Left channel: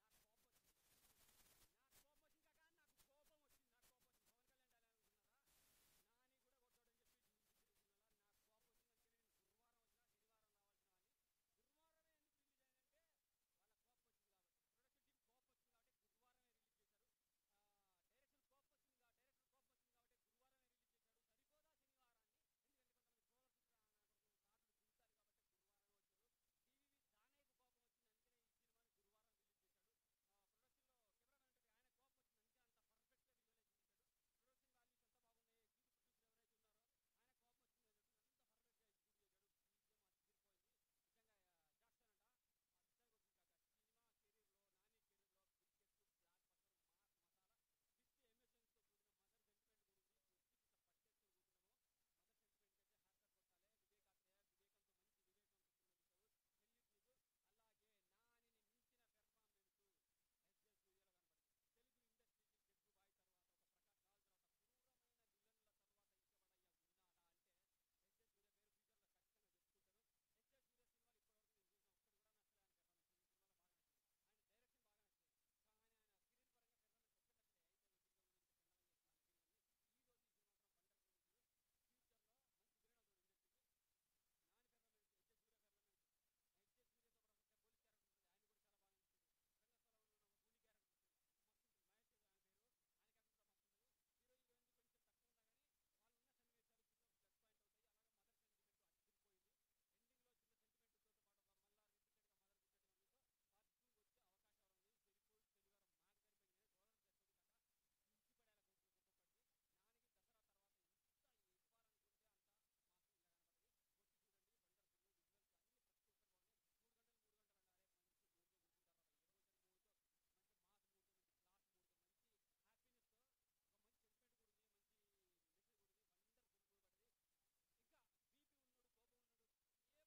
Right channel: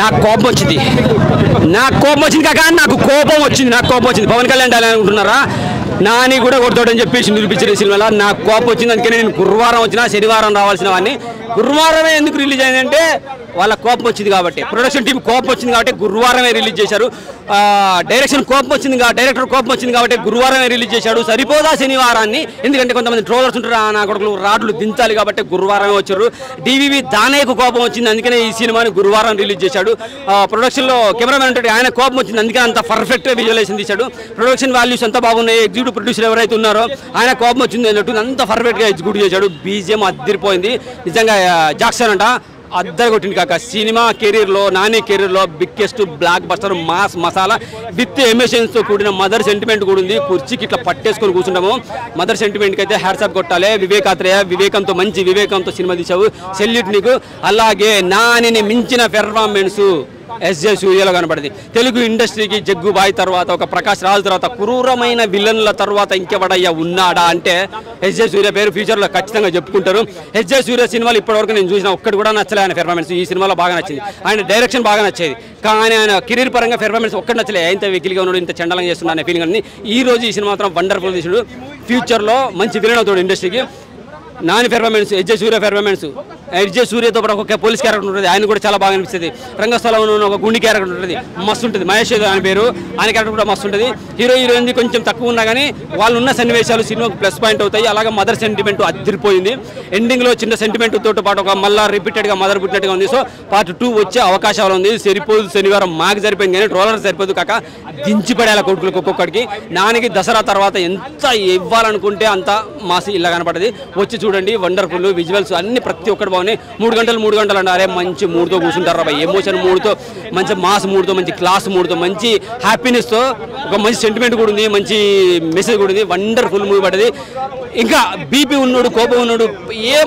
నాకు కోపం వచ్చింది కాక నాకు కోపం వచ్చింది పవన్ కళ్యాణ్ అనుకుంటున్నారా నాని కూడా కొడతాడని చెప్పేసి నిరూపించిన సినిమాలో నాకు కోపం వచ్చింది. అందుకని నేను గురువారం వచ్చినా శనివారం రావాల్సిన వాడిని గురువారమే ఎందుకు రిలీజ్ అయిందంటే వాళ్ళ కోపం వచ్చింది కాబట్టి, ప్రొడక్షన్ టీం కోపం వచ్చింది కాబట్టి గురువారమే రిలీజ్ చేశారు. డైరెక్టర్ కోపం వచ్చింది కాబట్టి గురువారమే రిలీజ్ చేశాడు. సరిపోదా శనివారాన్ని, ఎందుకంటే కొంతమంది ట్రోలర్స్ ఉంటారు నా కొడుకులు రాడ్లు దించాలి కాబట్టి గురువారమే వచ్చారు. డివివి దానేకు కోపం వచ్చింది, అందుకనే ఈ సినిమాని గురువారం రిలీజ్ చేశాడు. ప్రొడక్షన్లో కెమెరామెన్ ఉంటాడు, ఆయన కోపం వచ్చింది, అందుకని అంత పర్ఫెక్ట్గా విజువలైజేషన్ తీశాడు. ప్రొడక్షన్ వాల్యూస్ అంతా బాగున్నాయి. ఎగ్జిక్యూటివ్ ప్రొడ్యూసర్ ఎవరైతే ఉన్నారో ఆయన కోపం వచ్చింది అన్నట్టు అంత పర్ఫెక్ట్గా ఎగ్జిక్యూట్ చేశాడు. బీజిఎం అద్దరిపోయింది నిజంగా. జాక్సన్ అంట అద్దరు కొట్టింది కాక. సినిమా కెరీర్లో నాని కెరీర్లో biggest blockbuster mass masala with ఎమోషన్స్తో కూడిన మదర్ సెంటిమెంట్ కూడా ఉంది. కుర్చీకి ఇట్లా పట్టేసుకొని కూర్చుంటాము. మదర్ సెంటిమెంట్కి అయితే హ్యాట్సాప్ కొట్టాలి. వివేకాత్రేయ వివేకంతో సినిమా తీసావు, సెల్యూట్ నీకు. అలాగే నానిని మించిన పెర్ఫార్మెన్స్ ఎస్జే సూర్యలో కనబడింది. తెలుగు ఇండస్ట్రీకి జగ్గుబాయ్ తర్వాత, ఒక ప్రకాష్ రాజు తర్వాత, క్రూరమైన విలన్ల తర్వాత ఇంకెవడయ్యా ఉన్నాడా అంటే ఎస్జే సూర్య పేరు ఫ్యూచర్లో ఖచ్చితంగా చెప్పుకుంటారు. ఎస్జే సూర్య సినిమాలు ఇప్పటివరకు నేను చూసిన ఒక్కటి కూడా నచ్చలే ఆయన పెర్ఫార్మెన్స్. ఈ సినిమాలో బాగా నచ్చింది, ఆయన డైరెక్షన్ బాగా నచ్చేది, కానీ ఆయన కెరీర్ పరంగా పెర్ఫార్మెన్స్ ఒక్కటి నచ్చలే. ఇంత వెకిలిగా ఉన్నాడు, ఇంత చండలంగా చేస్తున్నా అనే ఫీలింగ్ అని. ఈ రోజు ఈ సినిమా మాత్రం వండర్ఫుల్ తీసాడు. ఫ్యూచర్లో మంచి విలన్ అవుతాడు ఇండస్ట్రీకి. నాని పెర్ఫార్మెన్స్, ఎస్జే సూర్య పెర్ఫార్మెన్స్, ఎస్జే సూర్యతో పాటు ఒక పోలీస్ క్యారెక్టర్ ఉంటుంది, ఆయన కూడా చాలా బాగా అనిపిస్తుంది. రంగస్థలంలో ఒక గుండి క్యారెక్టర్ ఉంటుంది, మస్తు ఉంటుంది. మహేష్ ఆయన పేరు, ఆయన క్యారెక్టర్ కూడా మస్తు ఉంటుంది. హీరోయిన్ కొంచెం తక్కువ ఉన్నా కానీ వాళ్ళు ఉన్న సన్నివేశాలు సినిమాకు ప్లస్ పాయింట్ అవుతాయి. అలాగే మదర్ సెంటిమెంట్ అదిరిపోయింది. ఎండింగ్లో చిన్న సెంటిమెంట్ తోటి పాటు ఒక మళ్ళీ రిపీటెడ్గా మదర్ పుట్టినట్టుగా ఉంది. సో పార్ట్ 2 వచ్చే అవకాశాలు ఉంది. సరిపోదు శనివారం మాకు సరిపోయింది కానీ ట్రోలర్ సరిపోదు కాక దించి పడేలా కొడుకులకు ఒక్కొక్కడికి. నానికి దసరా తర్వాత ఎంత ఇవ్వాలనుకుంటే అంత మాసి ఇలా కనపడది. వచ్చి చూడండి, వండర్ఫుల్ విజువల్స్ అన్ని ప్రతి ఒక్కటి బాగున్నాయి. 3 గంటలు అన్నారే, మంచి మూడ్తో కూర్చుంటారు రా, ఎమోషన్ మూడ్తో, మంచి మాస్ మూడ్తో, మంచి క్లాస్ మూడ్తో, మంచి హ్యాపీనెస్తో, ఒక మంచి సెంటిమెంట్ కూడా ఉంది, మంచి మెసేజ్ కూడా ఉంది. వండర్ఫుల్ మూవీ పడ్డది. ఇంకా బీపీ ఉన్నాడు, కోపం ఉన్నాడు,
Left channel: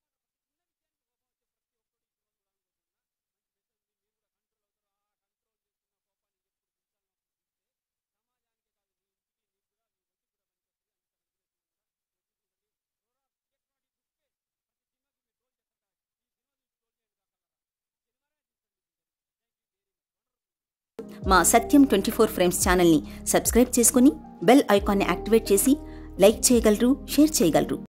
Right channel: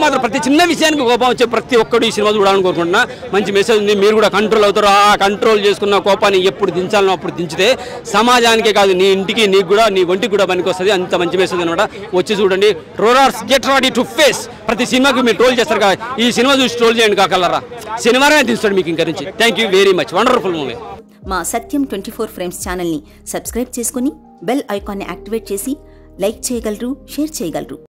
మాత్రం ప్రతి చిన్న విషయానికి కోపం వచ్చే ప్రతి ఒక్కడు ఈ సినిమా చూడాలని కోరుకుంటున్నా. మంచి మెసేజ్ ఉంది, మీరు కూడా కంట్రోల్ అవుతారు. ఆ కంట్రోల్ చేసుకున్న కోపాన్ని ఎప్పుడు దించాలనో అప్పుడు దించితే సమాజానికే కాదు నీ ఇంటికి, నీకు కూడా, నీ ఒంటికి కూడా పనికి వస్తుంది. అంత మంచి మెసేజ్ అనమాట. వచ్చి చూడండి. Trollers get ready to face. ప్రతి సినిమాకి మీరు ట్రోల్ చేస్తారు కదా, ఈ సినిమా చూసి ట్రోల్ చేయండి కాకలరా. శనివారమే తీస్తాడు మీకు ఇంకా నుంచి. Thank you very much. Wonderful movie. మా సత్యం 24 ఫ్రేమ్స్ ఛానల్ని సబ్స్క్రైబ్ చేసుకుని బెల్ ఐకాన్ని యాక్టివేట్ చేసి లైక్ చేయగలరు, షేర్ చేయగలరు.